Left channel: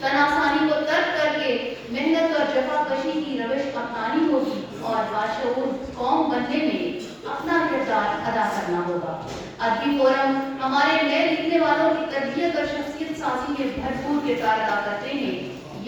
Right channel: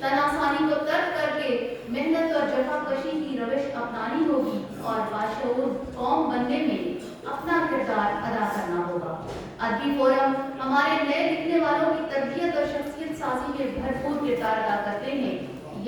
तनासानी को तर्क करके मेहनत और जफाकशी की रविश अपनानी होगी और बाशऊर कौम बनने में अपना किरदार अदा करना होगा। अदबी फोरम हमारे नए लिखने वालों की तरबियत और शख्सियत साजी में भरपूर किरदार अदा करते हैं।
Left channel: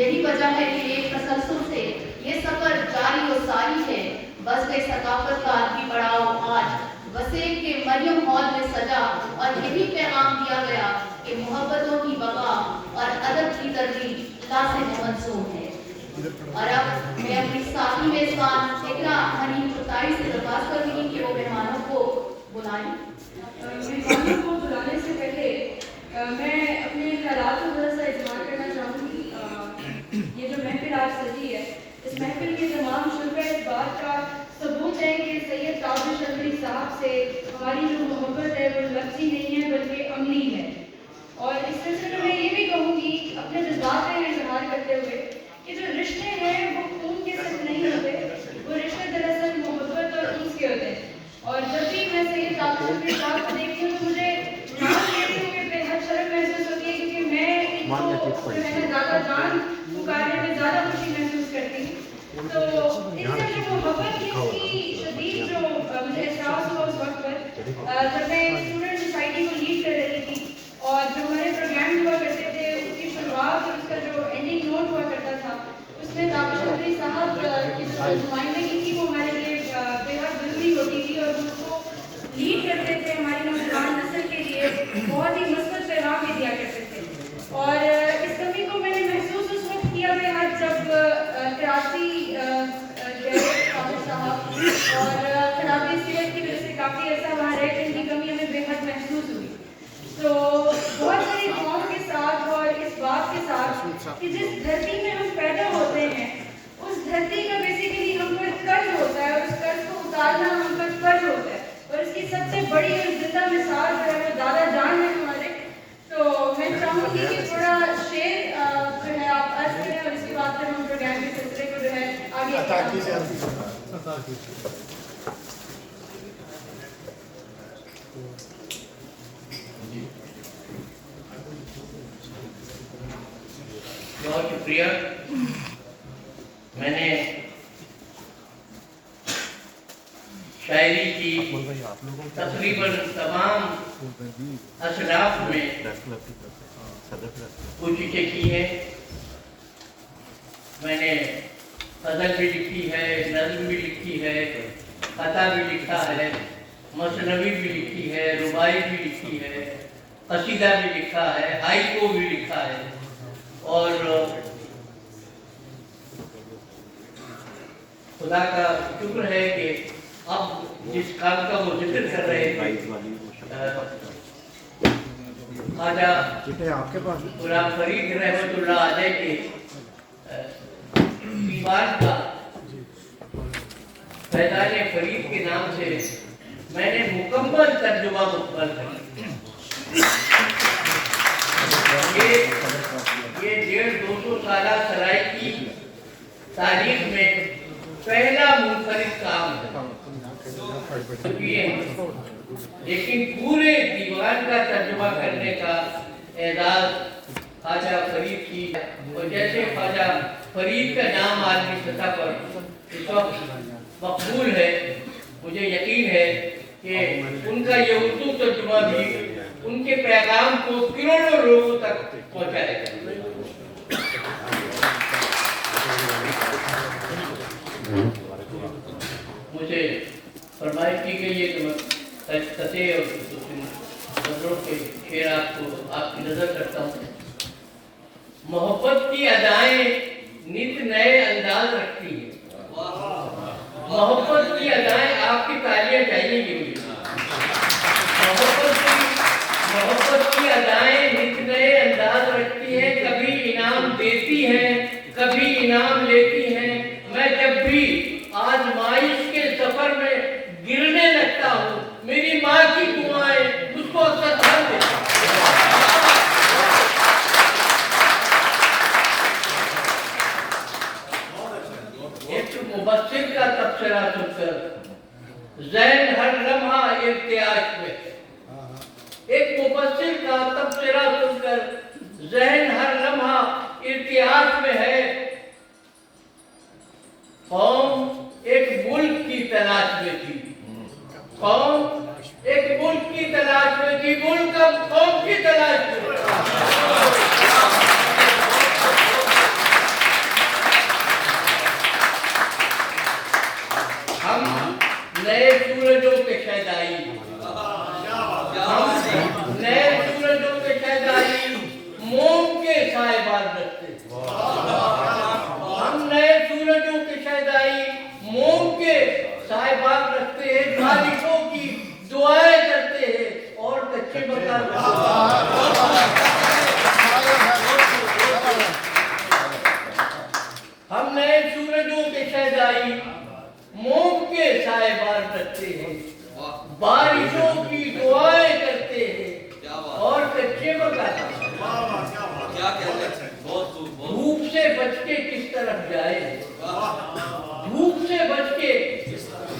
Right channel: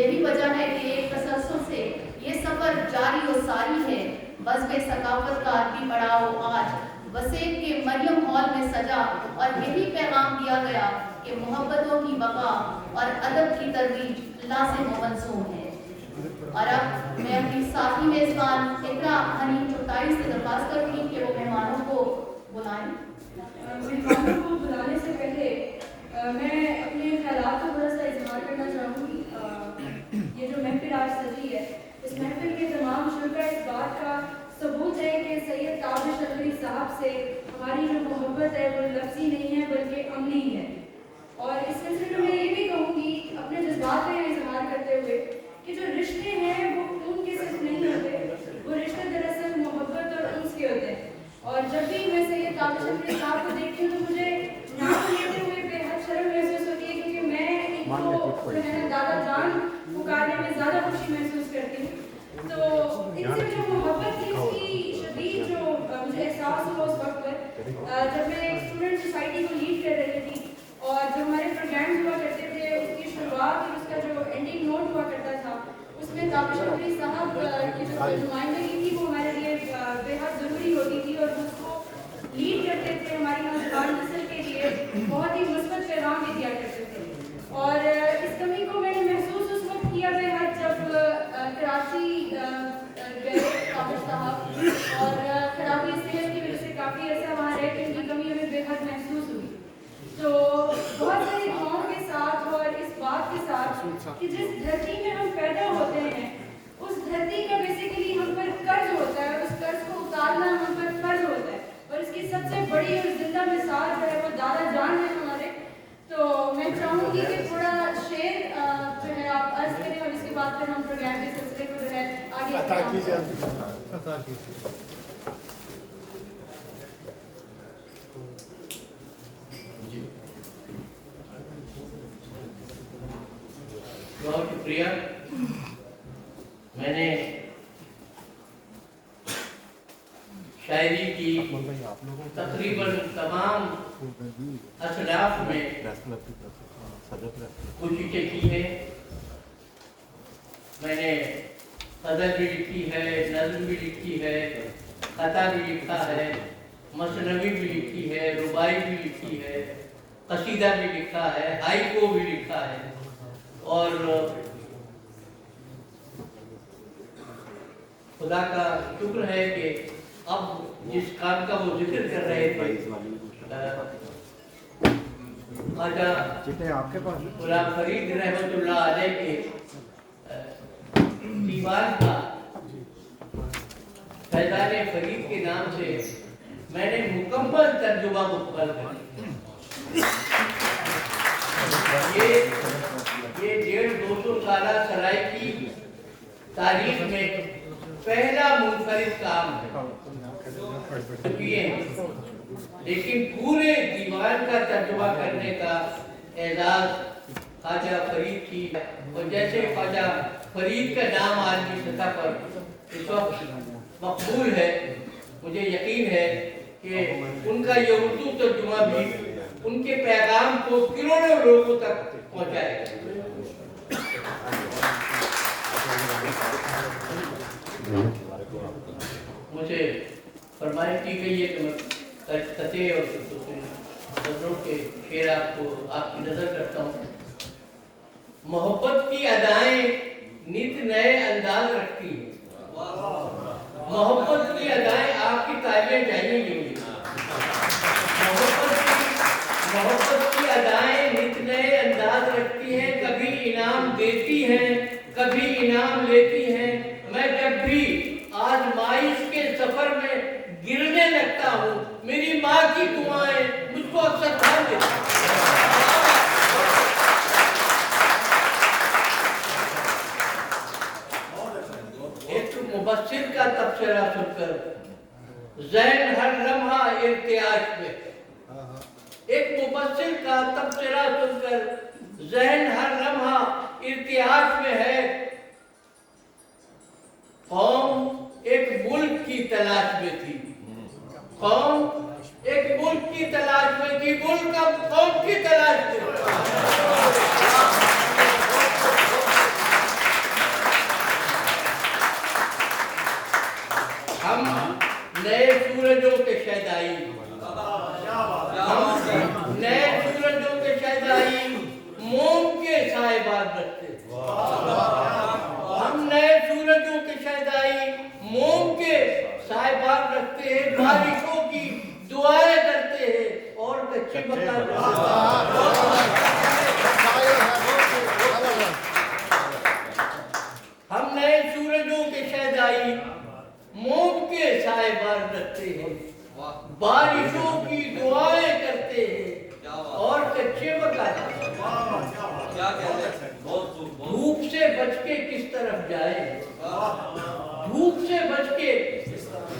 यही वजह है कि एक तसलसल से ये सफर जारी और सारी है। बस में सकाफत का अदबी पड़ाव आज वसेम के मरियम हॉल में सजा और यही पैगाम दिया गया कि मोहब्बतों की बका और अदब की तरजीह ला से मंसूब है। और अब मैं अपनी साथी मेजबान इकरा हनीफ कुर्ताई से दरख्वास्त करूंगी कि वो मेहमानों को बुलाएं। मेहमानों को बुलाने से पहले मैं अपने ख्यालात को थोड़ा सा इजहार करना चाहूँगी। ये जो महफिल आज सजी है, इस महफिल के तमाम शुरा इस बात का सबूत है कि सैयद काबिल चौधरी साहब से हमारी जो मोहब्बत है वो लफ्ज़ी नहीं है बल्कि अमली है। और इस सिलसिले में ये भी कहूँगी अपने जज्बात में इजहार करते हुए कि जो रिश्ते हैं वो खून के सिर्फ नहीं होते, वो रिश्ते दरअसल मोहब्बत और उन्स के होते हैं। और जब भी मैं सैयद काबिल चौधरी साहब को देखती हूँ तो मुझे नाम लेते हुए बेहद शर्म महसूस होती है, क्योंकि मैं इनको दादा जान पुकारने में ज़्यादा खुशी महसूस करती हूँ। तो इनसे जो मोहब्बत थी उसकी शदीद जो मुझे एहसास हुआ उस वक्त पर जब मैं स्टूडेंट सोसाइटी को लीड कर रही थी और जो हमारे प्रोग्राम हुआ करते थे उसकी शुरुआत और उसका जो एंडिंग नोट हुआ करता था उसमें काबिल चौधरी साहब की जो नुमाइंदगी थी वो हमारे लिए बेहद ज़रूरी होती थी और उसको लीड करते थे। हमारी नौजवान नस्ल के लिए बहुत ही मुस्बत पैगाम भी दिया करते थे। और इस कमी को मैंने महसूस उस वक्त किया बेहद जब कराची काबिल साहब और खराबी सेहत की वजह से काफ़ी ऐसा वहाँ रहे कि इनकी कमी हमें बेहद महसूस हुई। तो बहुत सारी दुआओं के साथ और इस बात के साथ कि जिस धरती में हम पैदा होते हैं उस धरती का बेसिकली हम पर कर्ज होता है और उस कर्ज को उतारना हम पर फर्ज होता है। और इसकी सबसे बड़ी और जिंदा मिसाल जो है वो दादा जान है हमारे। तो मैं चाहूँगी कि थोड़ा शेर जो है आप अर्ज करें और इसके बाद फिर हम प्रोग्राम के सिलसिले को जो है आगे बहुत शुक्रिया। मैंने शायरी की तकरीबन तमाम असराफ में कुछ चीज़ें की है। मैंने गज़ल भी लिखी है, नज़्म भी लिखी है, कथा भी लिखा है, मसनवी भी लिखी है, रुबाई भी लिखी है, कसीदा भी लिखा है, हाइको भी लिखा है। और खुदा का शुक्र है कि अब जिस काम का वो जिक्र कर रहे थे ख्वाजा गुलाम फरीद रहमतुल्लाह अलैह के दीवान का फैज़ान फरीद के नाम से मैंने मुकम्मल तर्जुमा मुकम्मल ये 150-200 साल सराय की तारीख में पहला मुनफरिद काम है। लेकिन पूरे दीवान का तर्जुमा करने का एजाज ख्वाजा फरीद की। और जैसे ख्वाजा फरीद का नाम आलमी सतह पर इस वक्त मकबूल है, मुझे यकीन है कि उनका ये उर्दू तर्जुमा भी उनके पैगाम को करोड़ों लोगों तक पहुंचाएगा। मुझे फरमाइश की गई है कि मैं कथे और नजरों के शेर आपकी नजर करता हूँ। मोहब्बत की अदाएं नित नए अंदाज रखती है। मोहब्बत की अदाएं आपकी तालियां जाएंगी। मोहब्बत की अदाएं नित नए अंदाज रखती है, कभी इनाम देती हैं, कभी इनाम लेती हैं। मैं जब भी आजमाइश के सफर में गिरने लगता हूँ, मेरी माँ की दुआएं मुझको अक्सर थाम देती हैं। एक मुबस्सिर का तबसरा सुनकर ज़हन हर लम्हा इर्तियाज में, एक मुबस्सिर का तबसरा सुनकर ज़हन हर लम्हा तलाश में थी। कौम एक मुल्क की तलाश में थी, मुल्क अब कौम की तलाश में था। हम नए सूरजों के शहदाई, हम नए सूरजों के शहदाई मोम के साहिबान रखते हैं। हम नए सूरजों के शहदाई मोम के साहिबान रखते हैं, बारिशों की दुआएं करते हैं और कच्चे मकान हम नए सूरजों के शहदाई मोम के साहिबान रखते हैं, बारिशों की दुआएं करते हैं और कच्चे मकान। धूप से बच के किस तरफ जाए, धूप से बच के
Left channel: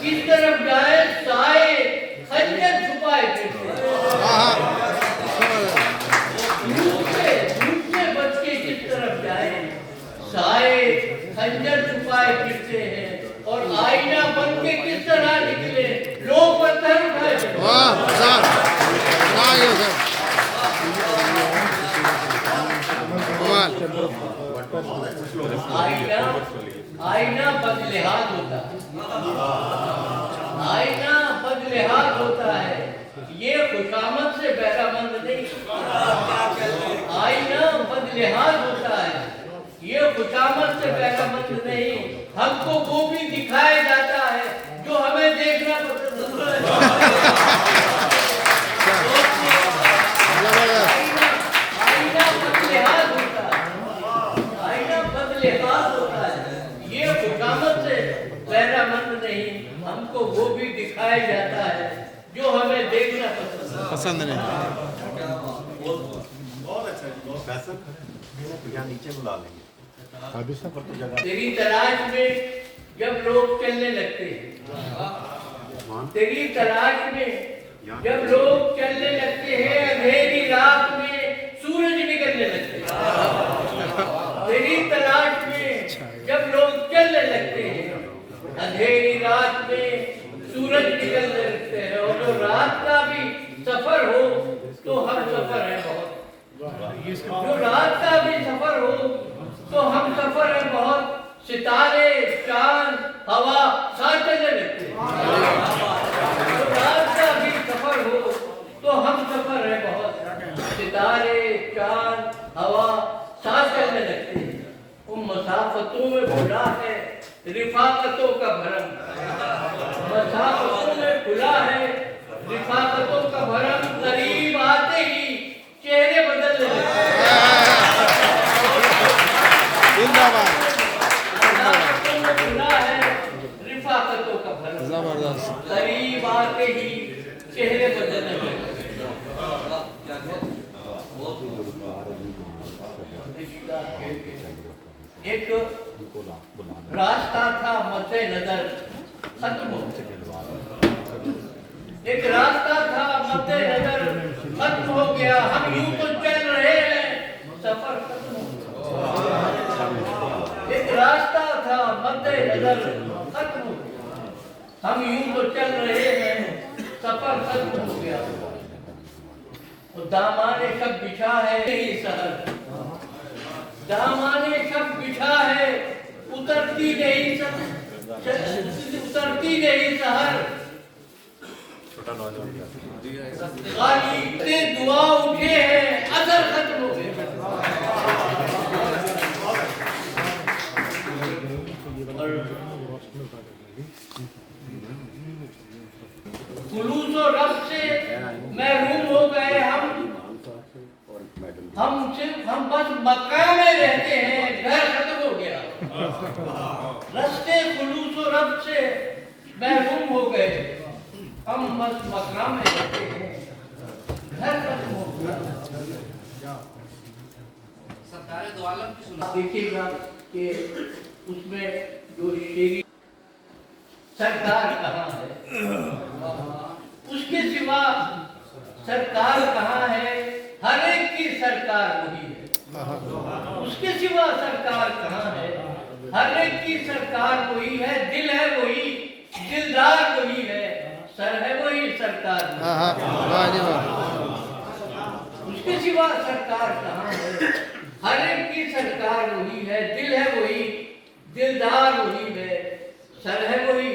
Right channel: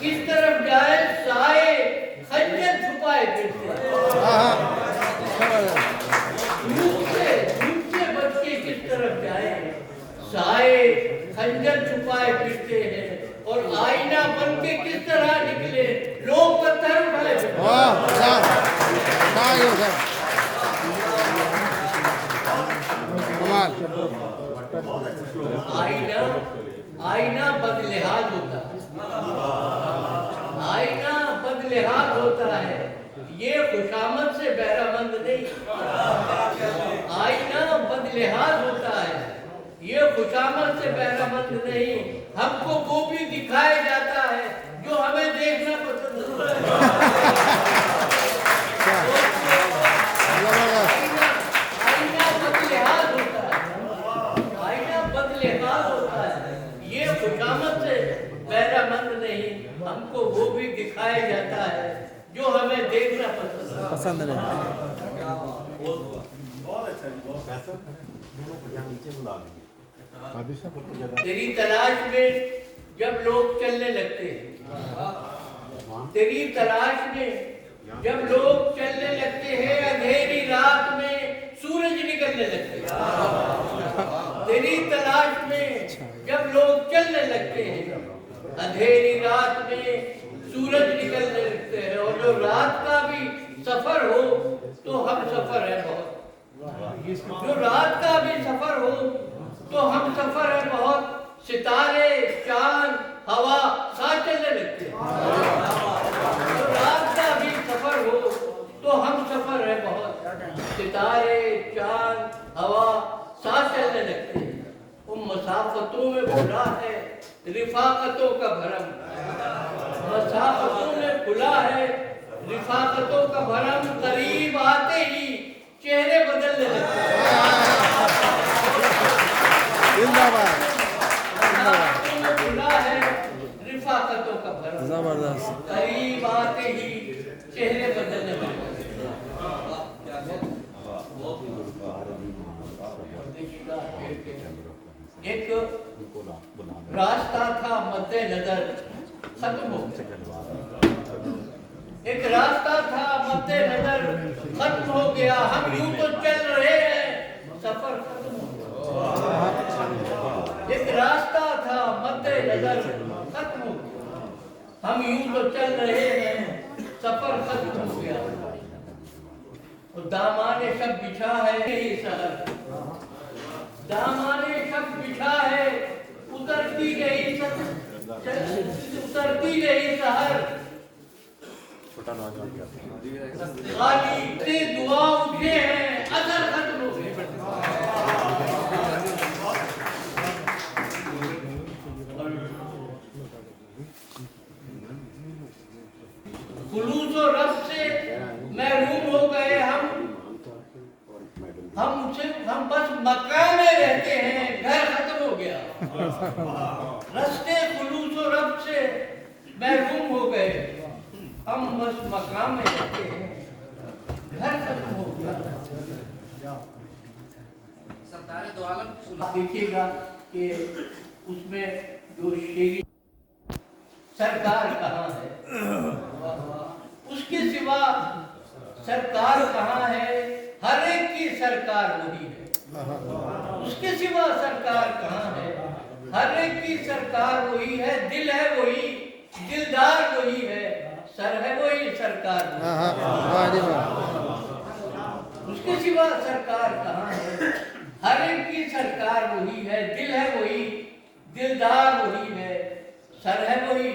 किस तरफ जाए, साए खंजर छुपाए फिरते। धूप से बच के किस तरफ जाए, साए खंजर छुपाए फिरते हैं और आईना बन के किस तरह निकले, लोग पत्थर उठाए। आईना बदलिहाज होता है, आईना बदलिहाज होता है, ये खुशामद से बहरामंद नहीं। आईना बदलिहाज होता है, ये खुशामद से बहरामंद नहीं। हमको वो भी दिखाया जाता है जो हमें देखना पसंद है। आईना बदलिहाज होता है, आईना बदलिहाज होता है, ये खुशामद से बहरामंद नहीं। हमको वो भी दिखाया जाता है जो हमें देखना पसंद नहीं। नीचे बुला लेंगे। तेरी तलाश में जब लोग चलने लगते हैं, तेरी तलाश में जब लोग चलने लगते हैं, अंधेरी रात में सूरज निकलने लगते हैं। तेरी तलाश में जब लोग चलने लगते हैं, अंधेरी रात में सूरज निकलने लगते हैं। और जो रात का भी सफर हो तो हम सफर है बहुत, जो रात का भी सफर हो तो हम सफर है बहुत। सितारे चांद हवा साथ चलने लगते हैं। तो रात का भी सफर हो तो हम सफर है बहुत। सितारे चांद हवा साथ चलने लगते हैं। उन मसाफतों में खुला है रिफाकतों का भरम, मसाफतों में खुला है रिफाकतों का भरम। करीब आते ही चेहरे बदलने लगते हैं। खुला है रिफाकतों का भरम, करीब आते ही चेहरे बदलने लगते हैं। एक रास्ता था मद्दे नजर खत्म हो, एक रास्ता था मद्दे नजर खत्म हो गया। हम यूं तो चल रहे हैं, सफर खत्म हो गया। एक रास्ता था मद्दे नजर खत्म हो गया, हम यूं तो चल रहे हैं, सफर खत्म हो गया। और दामाने शब बिछा है यही शहर, दामाने शब बिछा है उतरती नहीं उतरती नहीं शहर। खाली इतने दुआ उठे हैं, असर खत्म हो गए। खुलूस और रब से महरूम हो गए हम बस मक्का में रहते हैं, घर खत्म हो गया। रस्ते खुलूस और रब से महरूम हो गए, हम बस मक्का में रहते हैं, घर खत्म हो गया। देखिएगा कि उसमें जो शेरी सरकार कहाँ है, उसके सिवा सरकार कहाँ है। हर एक की सरकार वही है, उसके सिवा सरकार कहाँ है। हर एक की सरकार वही है, दिल है वही, दिलदार वही है, सर है वही, सरकार नहीं। हाँ हाँ वाह जी वाह। उसके सिवा सरकार कहाँ है? हर एक की सरकार वही है, दिल है वही, दिलदार वही है, सर है वही,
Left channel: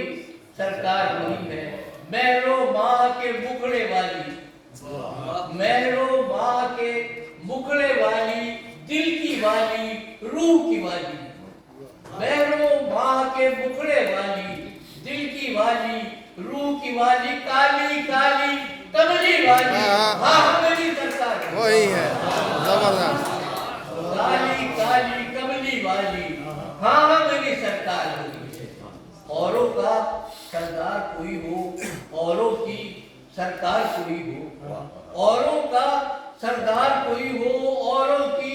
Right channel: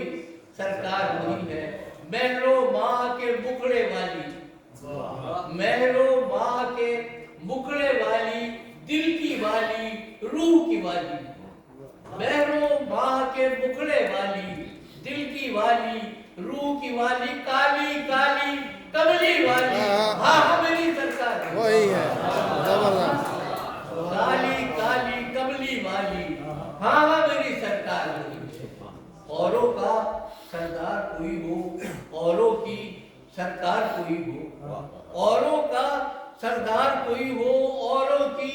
सरकार वही है। महरो माँ के मुखड़े वाली, महरो माँ के मुखड़े वाली, दिल की वाली, रूह की वाली। महरो माँ के मुखड़े वाली, दिल की वाली, रूह की वाली, काली काली कमली वाली। हाँ मेरी सरकार है। वही है जबरदस्त। काली काली कमली वाली, हाँ मेरी सरकार वही है। औरों का सरदार कोई हो, औरों की सरकार कोई हो, औरों का सरदार कोई हो, औरों की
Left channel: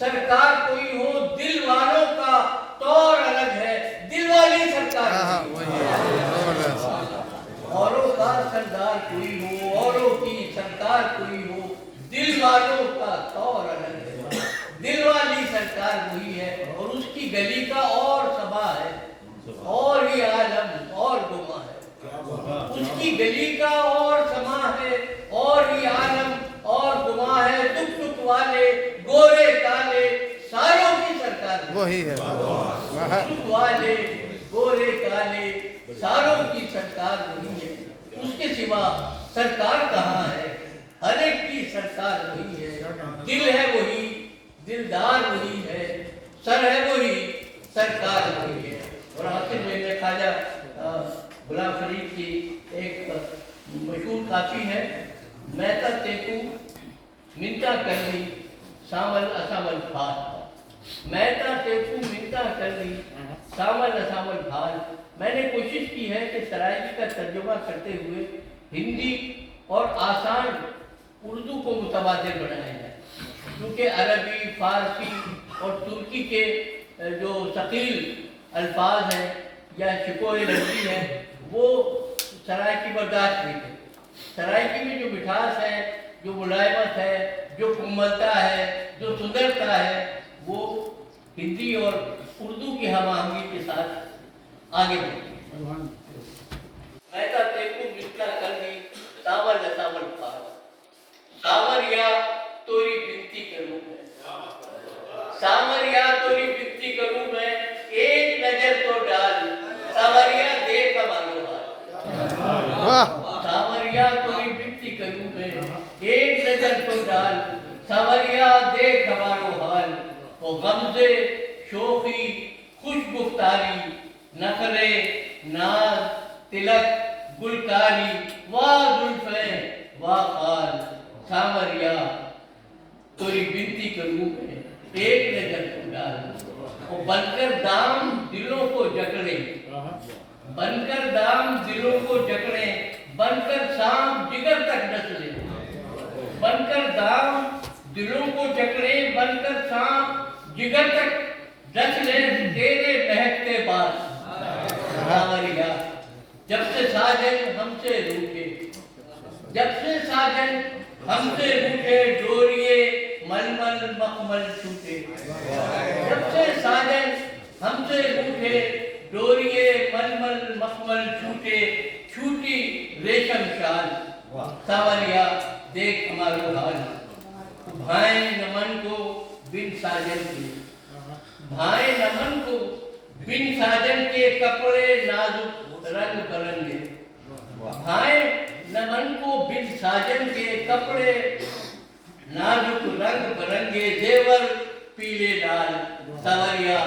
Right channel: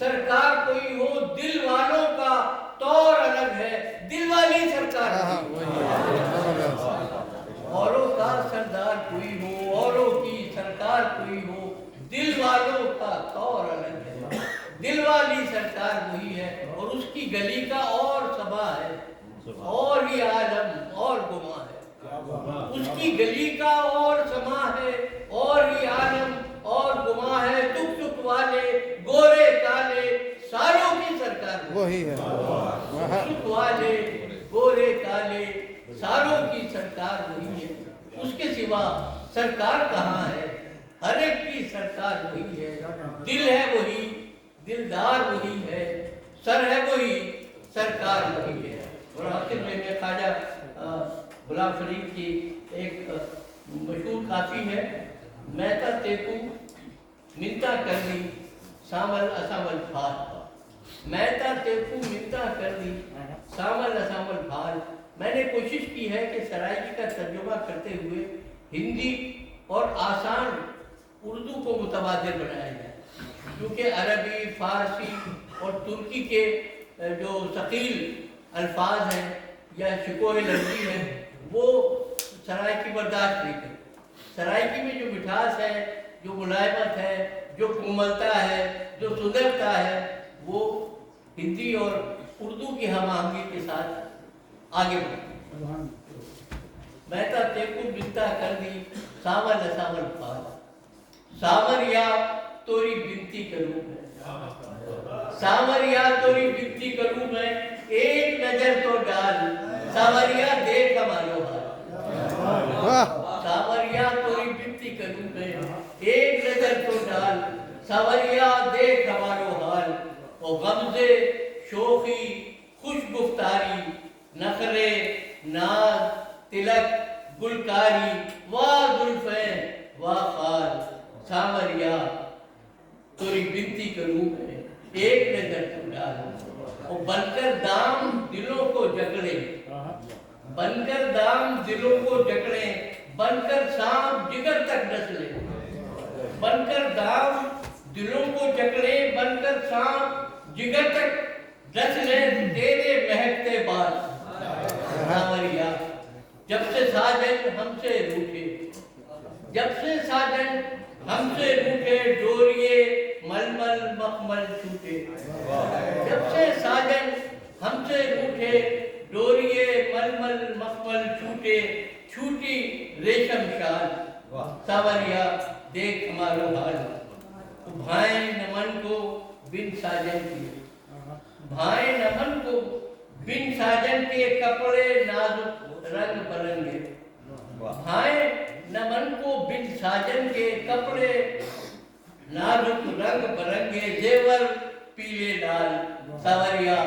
सरकार कोई हो, दिल वालों का तौर अलग है, दिल वाली सरकार हाँ हाँ कोई वही है जबरदस्त। औरों का सरदार कोई हो, औरों की सरकार कोई हो, दिल वालों का तौर अलग है, दिल वाली सरकार वही है। और उसकी गली का और सबा है, और ही आलम और गुमा है। उसकी गली का और समा है, और ही आलम और गुमा है। दुख सुख वाले गोरे काले सारों की सरकार है। वही है वाह। सुख वाले गोरे काले सारों की सरकार वही है। उसके सिवा सरकार कहाँ है? हर एक की सरकार वही है, दिल है वही, दिलदार वही है, सर है वही, सरकार वही है। और आखिर में ख्वाजा गुलाम फरीद की एक मशहूर काफी है, मैं तो तेकू मिन्ता करनी सामल असामल भाल। मैं तो तेकू मिन्ता करनी सामल असामल भाल। मैंने कोशिश की है कि सराइकी का तर्जुमा करते हुए हिंदी और आसान उर्दू को मुतबादिल बनाया जाए, क्योंकि अरबी, फारसी और तुर्की के जो सकील अल्फाज हैं या शिकोरे लफ्ज़ी हैं वो सराइकी बर्दाश्त नहीं करते। सराइकी में जो मिठास है, जो मुलायमत है, जो कोमलता है, जो सुंदरता है, वो हिंदी और उर्दू की हम आहंगी के साथ आगे बढ़ती। मैं तो तेकू मिलता कर दी सावर सावर पार, सावरिया तोरी बिनती करूं मैं, सावरिया तोरी बिनती करूं मैं, एक नजर तो डाल, सावरिया देख हमारो हाल। सावरिया तोरी बिनती करूं मैं, एक नजर तो डाल, सावरिया देख हमारो हाल। और गमज़े शोखी खुश गुफ्तारी, नखरे नाज तिलक गुलकारी, वाह जुल्फ़े वाह खाल। सावरिया तोरी बिनती करूं मैं, एक नजर तो डाल। वो बनकर दाम दिलों को जकड़े, बनकर दाम दिलों को जकड़े, बनकर सांप जिगर तक डस ले। बनकर दाम दिलों को जकड़े, बनकर सांप जिगर तक डस ले तेरे महकते बाल। सावरिया जब से साजन हमसे रूठे, जब से साजन हमसे रूठे, डोरिये मलमल मखमल छूटे। जब से साजन हमसे रूठे, डोरिये मलमल मखमल छूटे, छूटी रेशम शाल। सावरिया देख हमारो हाल। भाई नमन को बिन साजन किए, भाई नमन को बिन साजन के कपड़े नाजुक रंग बरंगे। भाई नमन को बिन साजन के कपड़े नाजुक रंग बरंगे, जेवर पीले लाल। सावरिया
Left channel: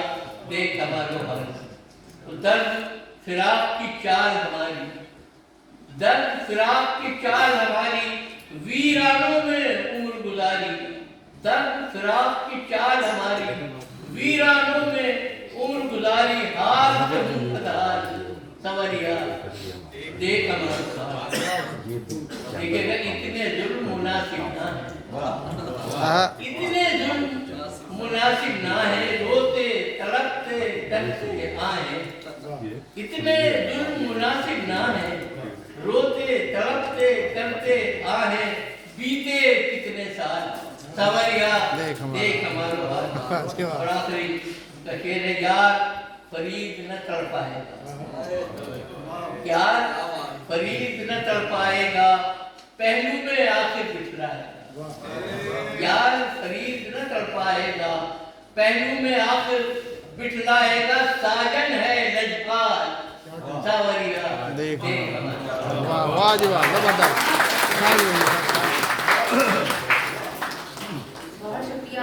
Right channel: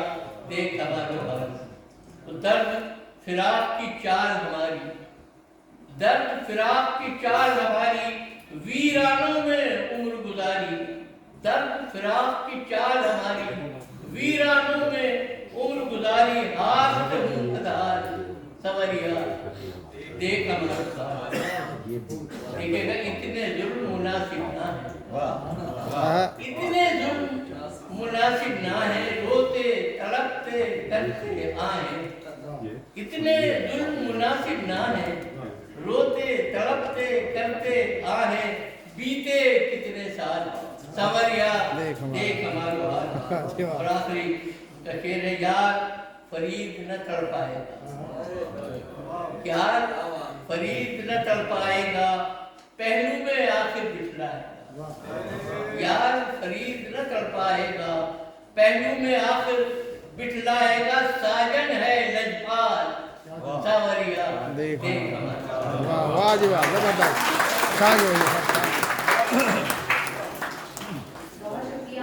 देख हमारो हाल। तो दर्द फिराक की चाल हमारी, दर्द फिराक की चाल हमारी, वीरानों में उम्र गुजारी। दर्द फिराक की चाल हमारी, वीरानों में उम्र गुजारी, हाथ से मुंह अधार। सावरिया देख हमारो हाल। देखिएगा इतने जुल्म मुनासिब ना है, इतने जुल्म मुनासिब ना है, रोते तड़पते करते आए। इतने जुल्म मुनासिब ना है, रोते तड़पते करते आए, बीते कितने साल। सावरिया देख हमारो हाल। और आखिरी शेर है, यार फरीद न तड़ पाएगा, प्यार फरीद न तड़ पाएगा, पहलू में आखिर बिखराएगा। प्यार फरीद न तड़ पाएगा, पहलू में आखिर बिठलाएगा। साजन है लजपाल सावरिया देख देख हमारा। वाह वाह जी वाह, जबरदस्त। शान है ये सब।